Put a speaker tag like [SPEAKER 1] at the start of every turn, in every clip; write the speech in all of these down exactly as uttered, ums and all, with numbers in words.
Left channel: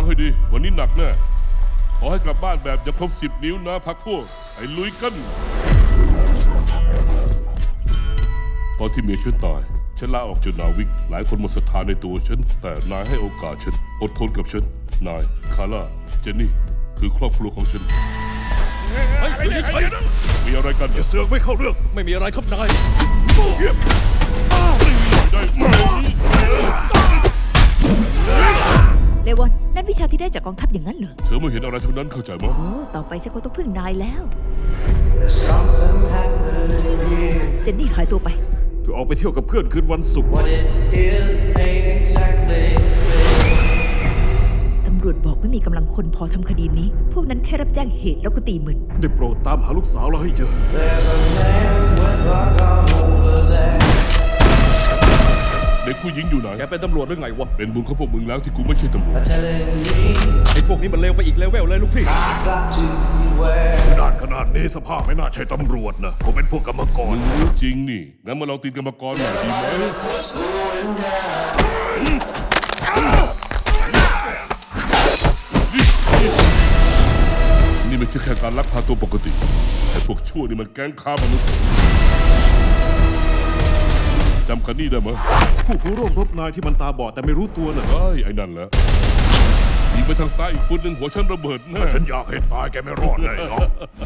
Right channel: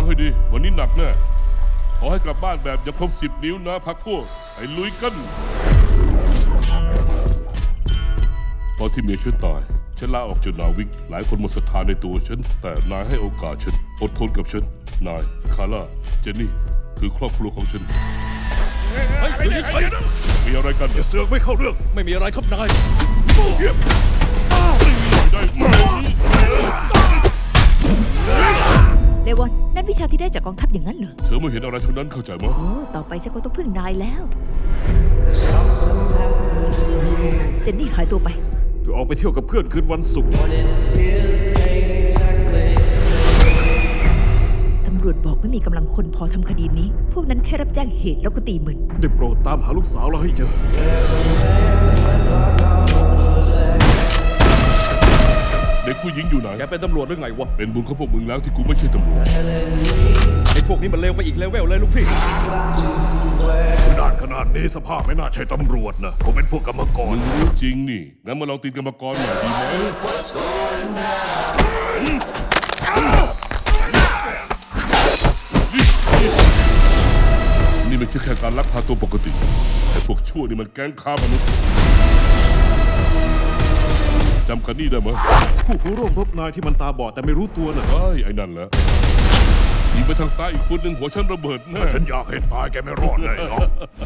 [SPEAKER 1] ให้ดีวันนี้หนักแน่ขอให้กลับบ้านแบบอย่าครบสิบนิ้วนะพักพวกไอ้ลุยกันตอนที่เมียฉันตายฉันลาออกจากนาวิกหลายคนหมดศรัทธาในตัวฉันแต่นายให้โอกาสฉันอดทนกับฉันนายคาร่าเจนนี่คือครอบครัวของฉันเฮ้ยเฉยๆมีอะไรกันอย่าเสือกไม่เข้าเรื่องไม่มีอะไรครับนายได้ไหม
[SPEAKER 2] เลวอนนั่นวิชาที่ได้จากกองทัพอย่างนั้นเหรอ
[SPEAKER 1] เธอไม่เห็นอะไรทั้งนั้นเข้าใจมั้ย
[SPEAKER 2] โอ้ต่อไปฉันก็ต้องพึ่งนายแล้วเจนนี่หายตัวไป
[SPEAKER 3] เธอออกไปเที่ยวกับเพื่อนคืนวันศุกร์
[SPEAKER 2] ตำรวจบอกไม่มีกำลังคนพอทำคดีนี้พวกนั้นแค่รับแจ้งเหตุแล้วก็ตีมึน
[SPEAKER 3] ได้โปรดตามหาลูกสาวเราให้เจอ
[SPEAKER 1] เด็กผู้หญิงอยู่ไหน
[SPEAKER 4] แกเป็นตำรวจหรือไงวะ
[SPEAKER 1] เป็นบุญของพวกมึงแล้วที่กูไม่ใช่ตำรวจ
[SPEAKER 4] ไอ้พวกนี้มันเลวไปอีกเลเวลเลยลูกพี่
[SPEAKER 3] ด่านขนาดนี้สภาพไม่น่าใช่ตำรวจนะผมเป็นพวกกรรมกร
[SPEAKER 1] มึงรู้จริงนี่งั้นมาลองตีนกรรมกรหน่อยดีไหมนี่ไม่ใช่แค่การลักพาตัวปกติไอ้พวกชั่วนี่มันแก๊งค้ามนุษย์จำคันนี่ได้ไหม
[SPEAKER 3] ผู้ผู้ร่วมรบนายที่มันตาบอดแต่ไม่รู้ตัวน่ะ
[SPEAKER 1] ไอ้ไอ้นั่นแหละยิงไปทางซ้ายอีกฟุตหนึ่งหัวฉันระเบิดแน่
[SPEAKER 3] ฉันอยากเห็นตายแกไม่รอดเลยเนาะ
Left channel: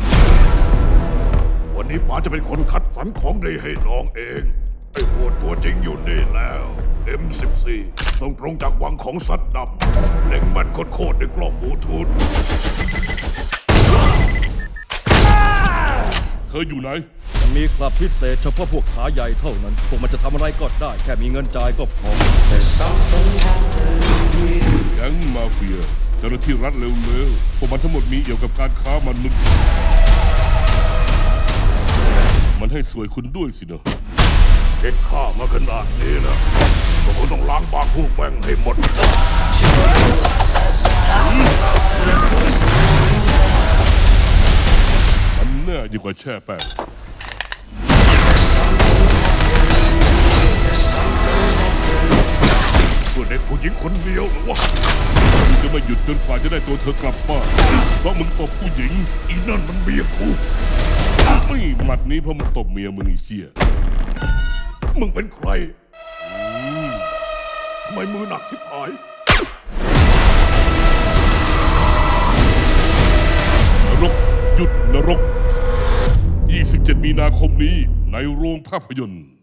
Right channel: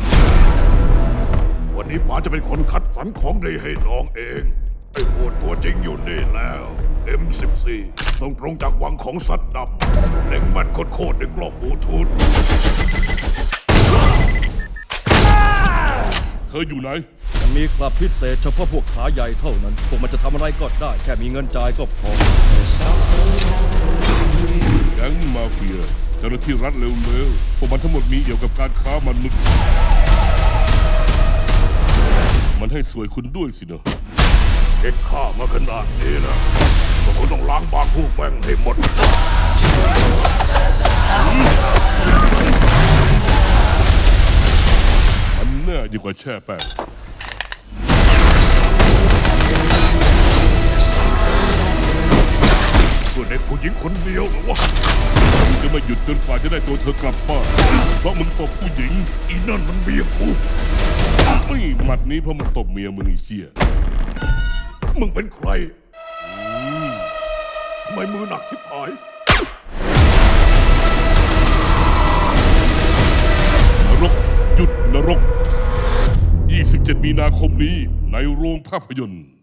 [SPEAKER 3] วันนี้ป๋าจะเป็นคนคัดสรรของดีให้น้องเองไอ้โหดตัวจริงอยู่นี่แล้ว เอ็ม สิบสี่ ส่งตรงจากวังของซัดดับเล็งมันโคตรๆในกล้องบลูทูธ
[SPEAKER 1] เธออยู่ไหน
[SPEAKER 4] มันมีคลับพิเศษเฉพาะพวกขาใหญ่เท่านั้นพวกมันจะทำอะไรก็ได้แค่มีเงินจ่ายก็พอ
[SPEAKER 1] แก๊งมาเฟียเจ้าหน้าที่รัฐเร็วๆพวกมันทั้งหมดมีเกี่ยวกับการค้ามนุษย์มันให้สวยคุณด้วยสินะ
[SPEAKER 3] เด็กข้ามาขนาดนี้นะก็คงต้องล้างบางพวกแบ่งให้หมด
[SPEAKER 1] มันแน่ยิ่งกว่าแช่แป้ง
[SPEAKER 3] เพื่อเด็กผู้หญิงคนเดียวหรือวะ
[SPEAKER 1] มึงจะไม่หยุดจนกว่าจะได้ตัวเธอกลับบ้านเพราะมึงตบผู้หญิง
[SPEAKER 3] อีนั่นมันเมียกู
[SPEAKER 1] ไม่หมัดนี้เพราะมึงตบเมียมึงไอ้เชี่ย
[SPEAKER 3] มึงเป็นใครทำไมมือหนักชิบหาย
[SPEAKER 1] นรกหยุดนรกยี่สิบเจ็ดมีนาคมนี้ในโรงภาพยนตร์